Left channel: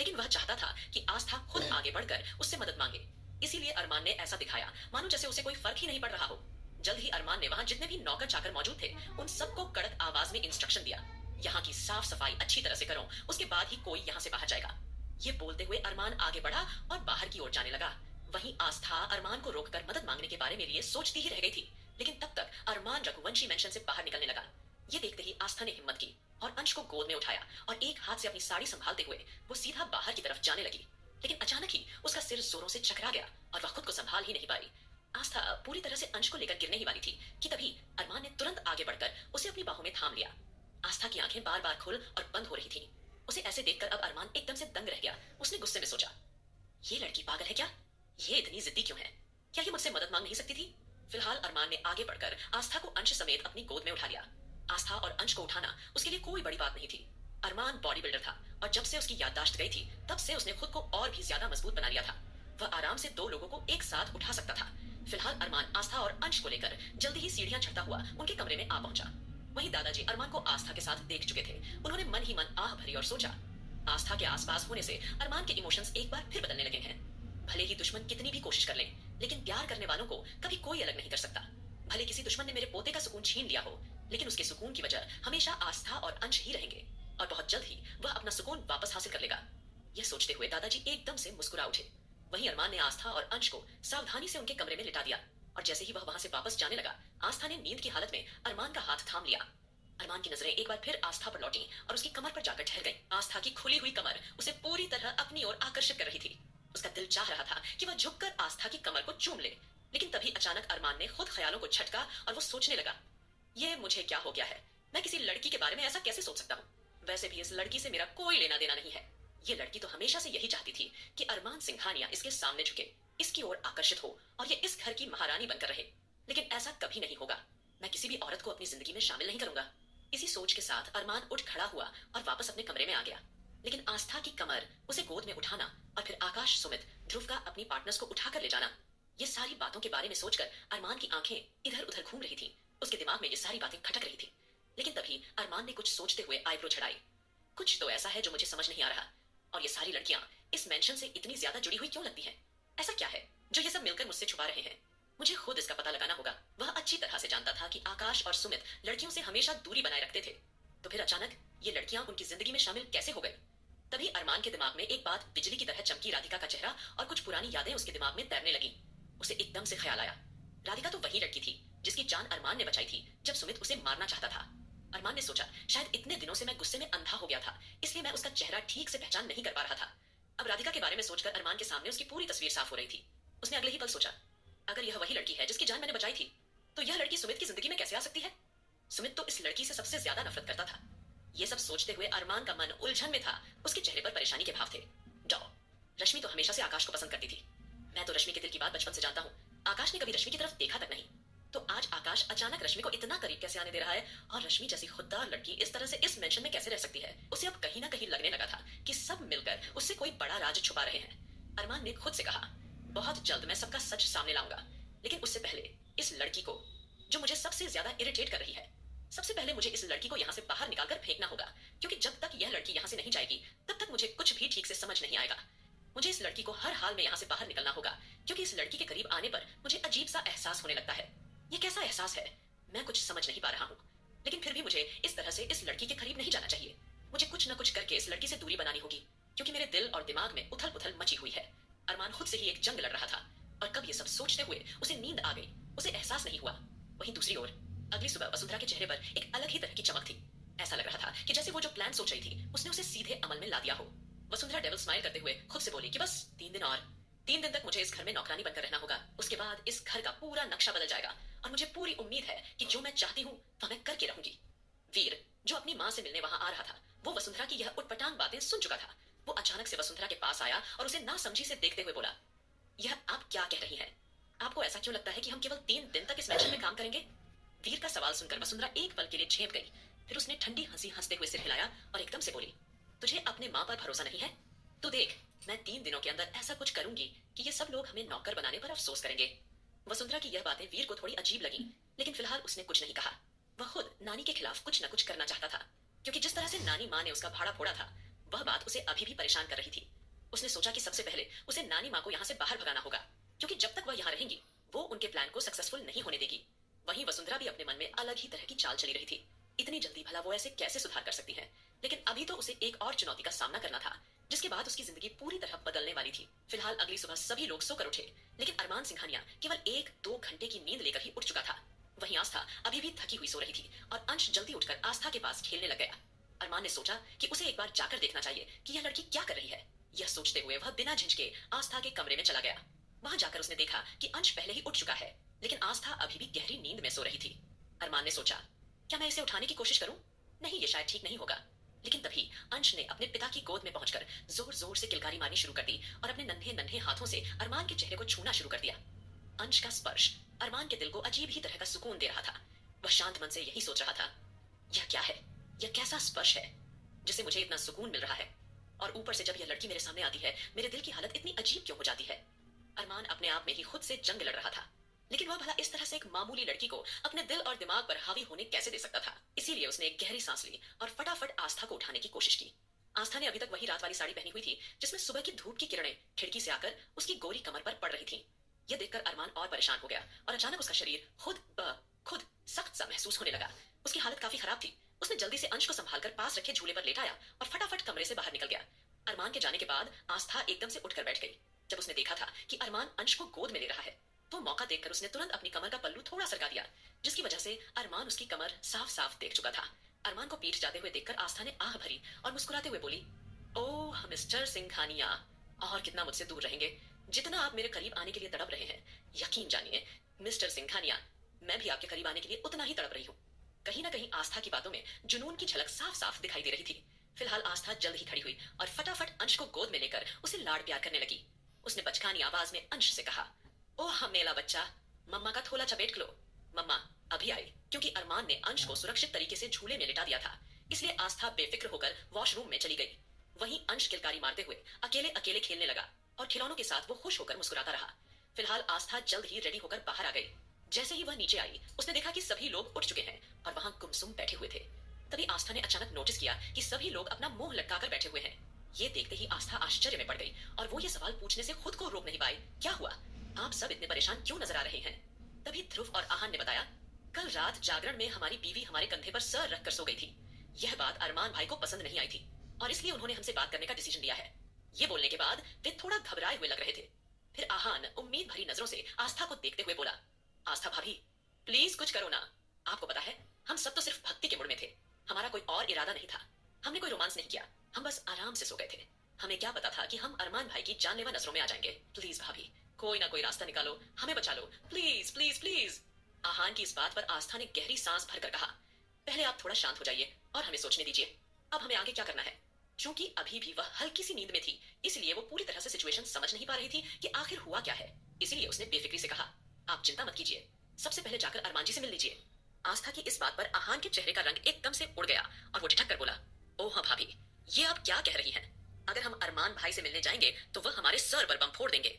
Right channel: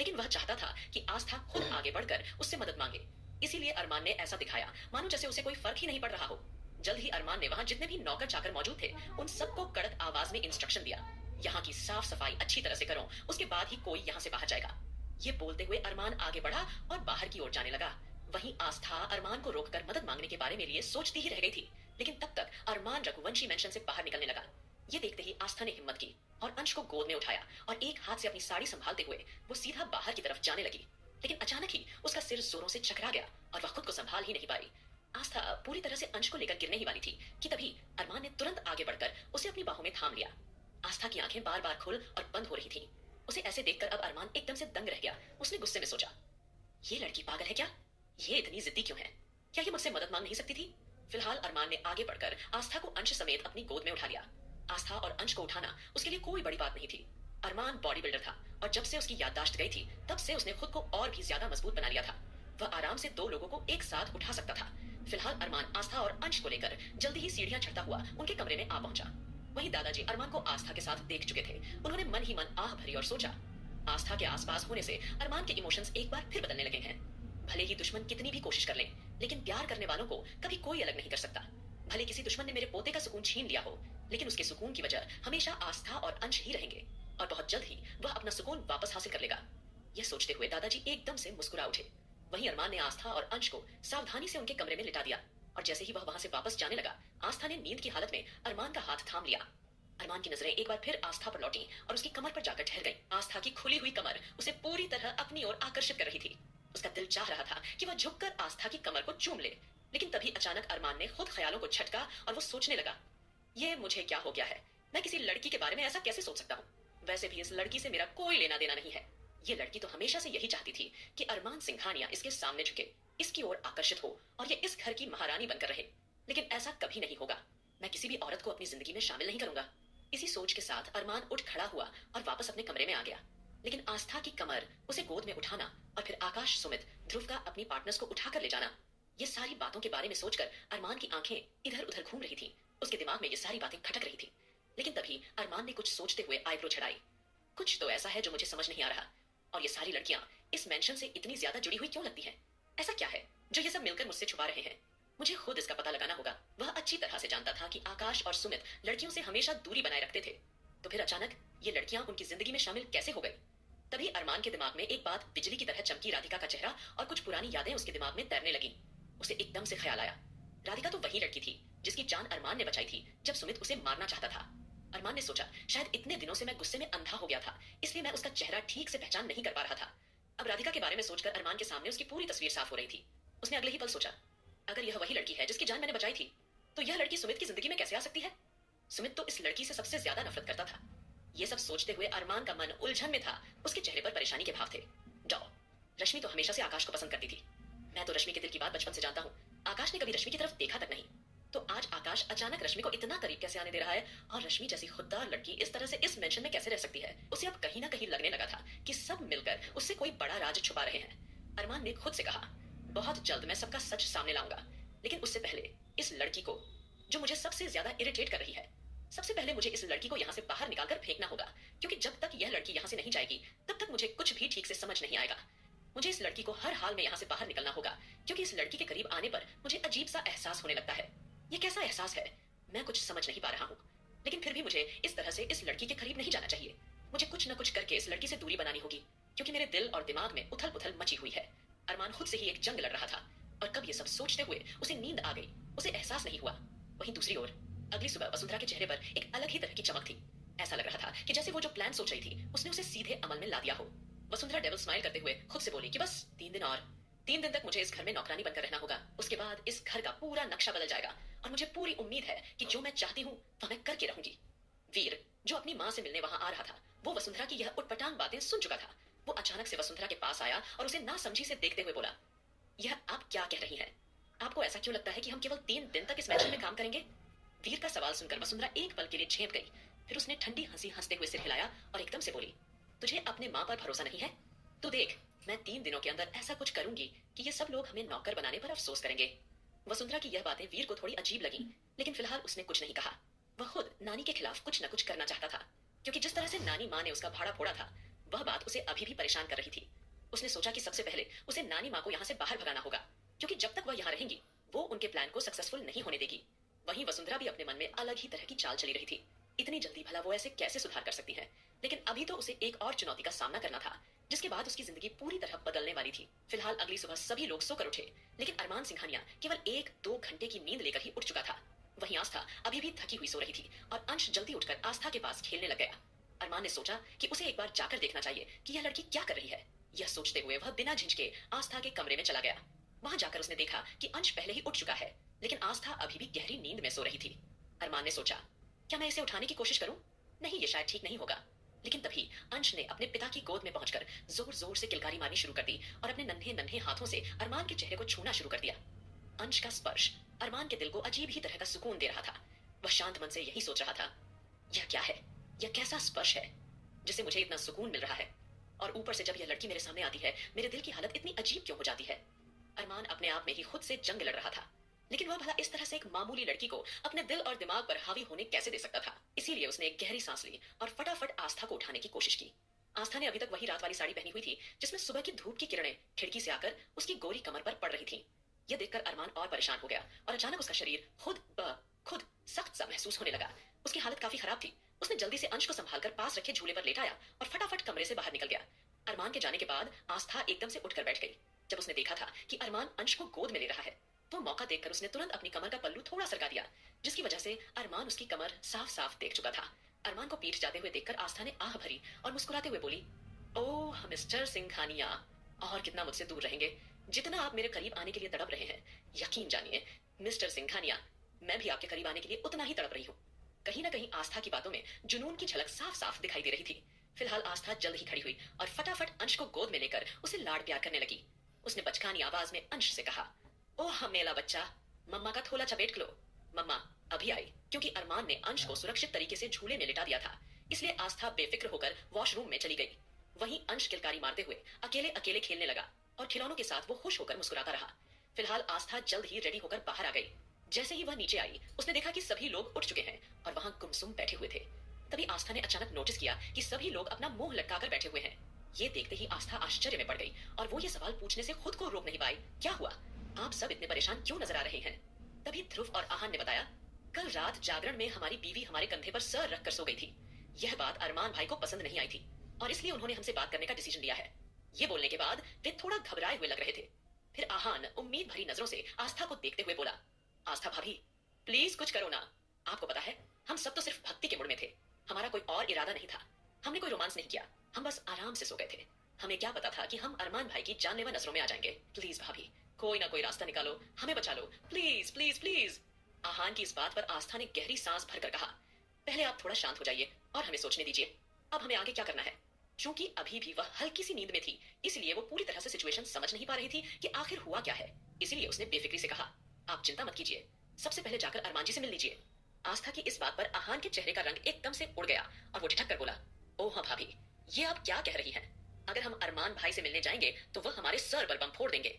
लेकिन वह चाहता था कि आस्था खुद आगे बढ़कर उससे मदद मांगे। इसीलिए अरमान ने ऐसा दिखाया मानो जैसे उसे कोई फर्क ही नहीं पड़ रहा हो। जल्द ही अरमान ने वहां जितने भी नौकर चाकर मौजूद थे उन सबको कड़क आवाज में इंस्ट्रक्शन दिया, यहाँ की साफ सफाई अच्छी तरह से करो, उसके बाद ही कोई यहाँ से बाहर जाएगा। ये बोलते हुए अरमान आगे बढ़ा और बाहर की ओर जाने लगा। वहीं आस्था अरमान को रोककर मदद मांगने के बारे में लिए सोचती ही रह गई थी। लेकिन तब तक अरमान रघुवंशी मेंशन से बाहर निकलने लगा। ये देखते ही आस्था ने हिम्मत की और अंश को गोद में उठाया और एक हाथ से अपनी साड़ी संभालते हुए वो सीधा बाहर की तरफ जाने लगी। लेकिन अचानक ही उसका सिर जोरों से चकरा गया और वह खुद को संभाल ही नहीं पाई। आस्था पूरी तरह से अंश को लेकर गिरने ही वाली थी कि तभी अरमान ने तुरंत आगे बढ़कर उसे अपनी बाहों में थाम लिया। आस्था की आंखें बार बार खुल और बंद हो रही थी। उसे ऐसे देखकर अब अरमान एकदम से दंग रह गया। उसने गुस्से में सोचा, ये लड़की पागल है क्या? ये इतनी जिद्दी क्यों है? क्या ये मुझसे मदद मांग नहीं सकती थी? फिलहाल अरमान ने आगे बढ़कर आस्था को अंश समेत अपनी गोद में उठा लिया। आस्था और अंश को उठाना उसके लिए कोई बड़ी बात नहीं थी। अरमान बॉडी बिल्डर था और जब से उसकी याददाश्त गई थी तब से उसने खुद को और भी ज्यादा मजबूत बना लिया था। वह आराम से दो लोगों को एक साथ उठा सकता था। फिलहाल अरमान आस्था और अंश को लेकर जल्दी ही सीढ़ियां चढ़ता हुआ उनके कमरे में आ पहुंचा। वहीं दादाजी अरमान को आस्था के साथ देख चुके थे। उन्होंने मन ही मन आह भरी और सोचा, आस्था के आसपास होने से अरमान के इमोशंस एक बार फिर बदलने लगे हैं। भले ही दुश्मन कितनी भी कोशिश कर लें, लेकिन प्यार करने वालों को कभी कोई अलग नहीं कर सकता। भले किसी दुश्मन ने मेरे पोते का सुकून छीन लिया हो, लेकिन उसके सुकून की वजह हमेशा आस्था और अंश ही रहेंगे और बहुत जल्द ही वह अपना सुकून वापस हासिल कर लेगा। यह सोचते हुए दादाजी एकदम से मुस्कुरा उठे। वहीं अरमान ने आस्था और अंश को सावधानी से उनके कमरे में लिटा दिया और जैसे ही वह वहां से वापस जाने लगा, आस्था ने नींद की हालत में अरमान का हाथ थाम लिया। अरमान की नजरें एक बार फिर आस्था पर लौटी और उसकी कमर पर जाकर ठहर गई। आस्था की खुली हुई कमर उसे पूरी तरह अपनी ओर आकर्षित कर रही थी। उसका दिल चाह रहा था कि वह झुककर आस्था की कमर को चूम ले, लेकिन तभी अचानक अरमान ने खुद ख्यालों को झटका और वो सोचने लगा, ये मुझे क्या हो गया है? मैं किसी लड़की के बारे में ऐसा कैसे सोच सकता हूँ? वैसे भी इस लड़की से मेरा कोई लेना देना नहीं है। ये लड़की तो हमेशा से यही चाहती थी कि अरमान सिंघानिया इसके सामने झुके, इसकी ओर आकर्षित हो और ये इस घर की महारानी बनकर रहे। लेकिन ऐसा कभी नहीं होगा। मैं किसी भी औरत को अपनी जिंदगी में शामिल नहीं करूंगा। इसी सोच के साथ अरमान उठ खड़ा हुआ और वापस अपने कमरे में आ गया। लेकिन आस्था की कमर, उसे गोद में उठाना और फिर आकाश, सुमित, ध्रुव का अपनी पार्टनर्स को उठाकर ले जाना, ये सारी बातों के बारे में सोचकर अरमान की आंखें इधर उधर घूम रही थी। उसके दिमाग में ये सारी बातें खटक रही थी। लेकिन तभी अरमान ने कुछ सोचते हुए आईब्रो चढ़ाई। कुछ तो ऐसा है जो मुझे समझ नहीं आ रहा। और ये सारी लड़कियां इस मेंशन से इतनी ज्यादा जुड़ी हुई क्यों लगती हैं? ऐसा क्या है जो ये सब मिलकर मुझसे छुपा रहे हैं? मुझे खुद इसका पता लगाना होगा। वह अच्छी तरह से जानता था कि आकाश और सुमित लड़कियों से हमेशा दूरी बनाए रखते थे। तो फिर अचानक ये लड़कियां उनकी जिंदगी में शामिल कैसे हो गई? तभी अरमान के दिमाग में एक बात बिजली की तरह चमकी राधिका का चेहरा और कुछ पुरानी यादें उसके दिमाग में तैरने लगी। उसे एकदम से ख्याल आया, राधिका तो वही लड़की थी जिसकी जान अरमान ने बचाई थी जब सुमित उसे मारना चाहता था। अरमान ने सोचा, शायद इतने दिनों से मैं गुस्से में अंधा हो गया था, इसलिए मैं उसका चेहरा ठीक से पहचान नहीं कर पा रहा था। अब राधिका के बारे में सोचकर अरमान के सामने उसकी पूरी तस्वीर साफ हो रही थी। उसने अगले ही पल सोचा, अगर यह वही लड़की है जिसकी जान मैंने बचाई थी, तो यह लड़की सुमित की जिंदगी में कैसे आ सकती है? सुमित तो इस लड़की से सबसे ज्यादा नफरत करता था। ये सब सोचते हुए अरमान का मन उलझन में था। उसके चेहरे पर परेशानी के भाव थे। डॉ रश्मि तो हमेशा से आकाश को पसंद करती थी। मैं तो रश्मि के दिल की बात बचपन से जानता हूँ। आकाश ने कभी रश्मि की तरफ देखा तक नहीं। तो आज आकाश अचानक रश्मि को इतना करीब कैसे आने दे रहा है? और रश्मि जैसी खुददार लड़की इस तरह से इस मेंशन में कैसे रह सकती है? उसे अब कहीं ना कहीं लगने लगा था कि सब मिलकर उससे कोई बड़ा राज छुपा रहे हैं। अरमान ने खुद से कहा, बहुत जल्द मैं सबका सच सामने लाऊंगा, लेकिन उससे पहले इस लड़की को जो मुझे सबसे ज्यादा इरिटेट कर रही है, सबसे पहले मुझे इस लड़की को यहाँ से बाहर निकालकर फेंकना होगा। क्योंकि जब तक यह लड़की यहाँ से नहीं जाएगी तब तक मुझे कुछ भी ठीक से समझ नहीं आएगा। मुझे इस लड़की को हर हाल में यहाँ से बाहर निकलना होगा, क्योंकि इस लड़की के करीब आने पर मुझे अजीब सा एहसास होने लगता है। ये कैसा एहसास है मैं कुछ समझ नहीं पा रहा हूँ, लेकिन फिर भी मुझे इस तरह से इस लड़की के करीब नहीं जाना चाहिए। मुझे कुछ न कुछ करके इस लड़की से दूरी बनानी होगी, क्योंकि मेरे दिल और दिमाग में उथल पुथल मची हुई है। अरमान खुद से ही एक जंग लड़ रहा था और कब ये सब सोचते हुए उसे नींद आ गई, उसे एहसास नहीं हुआ। वहीं दूसरी ओर अगली सुबह वसुंधरा के चेहरे पर एक अलग ही तरह की चमक थी। ऐसा लग रहा था कि जैसे वो जो प्लान सोच रही थी उसने उसे सीधे अमल में ला दिया हो। वसुंधरा डेविल स्माइल करते हुए खुद से बोली कि बस 3 दिन और, 3 दिन तक मुझे इस घर में नौकरानी बनकर रहना होगा। उसके बाद इस घर का पूरा नक्शा बदल जाएगा और मुझे पूरी उम्मीद है कि जो मैं चाहती हूँ वह मैं करके रहूंगी। वीर, जो अपनी माँ से मिलने वहां आ रहा था, वो वसुंधरा की यह उटपटांग बातें सुन चुका था। वो अचानक से वसुंधरा के पास आया और उसे नासमझी से देखते हुए बोला, यह आप क्या कह रही हैं? आपको ऐसा क्यों लगता है कि हम केवल 3 दिन तक इस मैंशन में काम करेंगे? वीर का सवाल सुनकर वसुंधरा एक पल के लिए झेप गई। फिर उसने ठंडी हंसी हंसते हुए सिर हिलाया और एकदम से बोली, तुझे अपने माँ पर भरोसा नहीं है? तू देख, मैं 3 दिनों के अंदर ऐसा कुछ करूंगी कि ये सब लोग हमें नौकर बनाने पर अफसोस करेंगे। वसुंधरा की यह बातें वीर को थोड़ी अजीब लगी, लेकिन फिलहाल उसने कुछ नहीं कहा। वह खुद नानी के खिलाफ कुछ न कुछ करना चाहता था, क्योंकि जिस तरह से नानी माँ ने उसका भाड़ा फोड़ा था, वह बात उसे अभी भी परेशान कर रही थी। उसने सोचा कि सबसे पहले उसे नानी माँ को यहाँ से बाहर भगाना होगा, क्योंकि जब तक वह यहाँ रहेंगी वो उनके प्लान को सक्सेसफुल नहीं होने देगी। वहीं वसुंधरा भी अपने मन में अलग ही तरह की चाल चली रही थी। इतनी जल्दी भला वो ऐसे कैसे सुधार कर सकती है? लेकिन अभी तो उसे एक और चुनौती का सामना करना था, जिसके बाद उसकी जिंदगी पूरी तरह बदलने वाली थी। फिलहाल अगली सुबह सभी लोग सोकर उठे, लेकिन अरमान सिंघानिया केवल 1-2 घंटे की नींद लेकर ही उठ चुका था। वहीं आस्था अभी भी थकी हुई सो रही थी और अंश जल्दी उठकर आस्था के पास खेलने लग गया। अरमान ने सोचा कि उसे एक बार जाकर देखना चाहिए कि यह लड़की क्या कर रही है। यह सोचते हुए वह बिना झिझके आस्था के कमरे में चला गया। वहां जाकर उसने देखा कि अंश पहले ही उठ चुका है, लेकिन आस्था अभी भी गहरी नींद में सो रही थी। अरमान ने सोचा, क्या मैं इसे उठाने की कोशिश करूं? नहीं, ये शायद ठीक नहीं होगा। लेकिन तभी अंश ने अपने पिता की गोद में पहुंचकर जोर जोर से किलकारी मारनी शुरू कर दी और अपने नन्हे नन्हे हाथों से अरमान के चेहरे को छूना शुरू कर दिया। अंश का स्पर्श अरमान के दिल को अजीब ही तरह का सुकून दे रहा था। वह शांत मन से यही सोच रहा था, यह क्या है? यह कैसा स्पर्श है जिसे मुझे इतना सुकून मिल रहा है? और ऊपर से जब यह लड़की मेरे सामने आती है, मेरे दिल की हालत इतनी अजीब क्यों हो जाती है? अरमान अपने आप में ही खुद से जंग लड़ रहा था, लेकिन वह भला इस तरह से एक मामूली लड़की को अपने दिल और दिमाग पर हावी होने कैसे दे सकता था? इसीलिए उसने एक गहरी सांस ली और फटाफट आस्था को उठाने की कोशिश की। आस्था ने अभी तक वही रात वाली साड़ी पहनी हुई थी, जिसमें सुबह की धूप की किरणें खिड़की से आकर उसकी गोरी कमर पर पड़ रही थी। यह देखकर अरमान और परेशान हो गया और अचानक उसका शरीर खुद सख्त सा महसूस होने लगा। उसकी हालत काफी खराब थी। उसने जल्दी से अंश को संभालकर पास रखे झूले पर लेटाया और फटाफट कमरे से बाहर निकल गया। अरमान के जाने के बाद आस्था एकदम से उठकर बैठ गई। जब उसने देखा था कि अरमान अंश को गोद में ले रहा है, तो मौका देखकर उसने तुरंत अपनी कमर का पल्लू थोड़ा सरका दिया, जिसकी वजह से अरमान उसकी कमर साफ साफ देख चुका था। अरमान को पीठ जाते हुए देखकर आस्था ने आह भरी और मुस्कुराते हुए बोली, ओह मिस्टर सिंघानिया, और कितना मुझसे दूर रहेंगे? जितना आप मेरे करीब आने के लिए तड़प रहे हैं, यकीन जानिए मिस्टर सिंघानिया, मैं भी आपके करीब आने के लिए उतना ही तड़प रही हूँ। कहीं ना कहीं आस्था की बातों में जुनून की झलक साफ साफ दिखाई दे रही थी। फिलहाल आस्था जल्द ही खड़ी हुई और फटाफट अंश को गोद में लेकर उसे लाड़ प्यार करने लगी। उसने बचकानी आवाज में अंश से कहा, ओह मेला बच्चा, मम्मा का थोला चपेट लो। मम्मा अभी आई, क्योंकि अरमान ने अंश को सुरक्षित तरीके से झूले में लिटा दिया था, इसलिए आस्था बेफिक्र होकर वॉशरूम में चली गई। वहीं अंश किलकारी मारते हुए अकेले अकेले खेलने लगा और खिलौनों के साथ वो खुश होकर मुस्कुराता रहा। फिलहाल आस्था जल्द ही रेडी होकर बाहर आ गई। जैसे ही वह नीचे आई, उसने देखा कि सभी लोग उठ चुके हैं और वहां गुमसुम बैठे हुए थे। तभी आस्था ने अचानक नोटिस किया कि सभी लोग अपना मुंह लटकाकर बैठे हुए हैं। ये देखते ही आस्था आश्चर्य में पड़ गई और वो ये सवाल पूछने से खुद को रोक नहीं पाई, क्या हुआ? आप सब इतने परेशान क्यों नजर आ रहे हैं? तभी ध्रुव और आहान ने बताया, कल रात जागरण में हमारी बीवी हमारे कंधे पर सर रखकर सो गई थी। यह बात अरमान भाई को पसंद नहीं आई थी और इसलिए उन्होंने हमसे बात करने का डिसीजन लिया है। ये बोलने के बाद वे थोड़ा घबराए हुए लग रहे थे। फिर आहान उम्मीद भरी नजरों से आस्था को देखते हुए बोला, आस्था भाभी, प्लीज कुछ करो ना। आपको पता है, हम सब तो सिर्फ भक्ति के मूड में थे। हमारा कोई और इरादा नहीं था। हमने कोई रोमांस नहीं किया। हम बस आराम से सो गए थे। हमें क्या पता था कि हम अरमान भाई की जानलेवा नजरों में आ जाएंगे। प्लीज भाभी, कोई ना कोई रास्ता निकालो, हमें बचा लो, प्लीज प्लीज प्लीज। आहान की इस बात पर आस्था ने गहरी सांस भरकर कहा, पहले आप थोड़ा शांत हो जाइए और हमें सोचने दीजिए। अब हमें आगे क्या करना है? क्योंकि अभी भी वह हल्की सी नींद में थी, इसलिए वो पूरी तरह से सिचुएशन समझ नहीं पा रही थी कि आखिर हुआ क्या है। इसीलिए उसने बेफिक्री से कहा, आप चिंता मत कीजिए, सबसे पहले जाकर अरमान जी से मिल लीजिए। आस्था की इस बात पर आहान के चेहरे का रंग एकदम से उड़ गया और वो ठिठक कर बोला, ओह हाँ भाभी, ये आप क्या कह रही हैं? अगर हम अरमान भाई से मिलने जाएंगे तो वह हमारे सर पर बम फोड़ देंगे।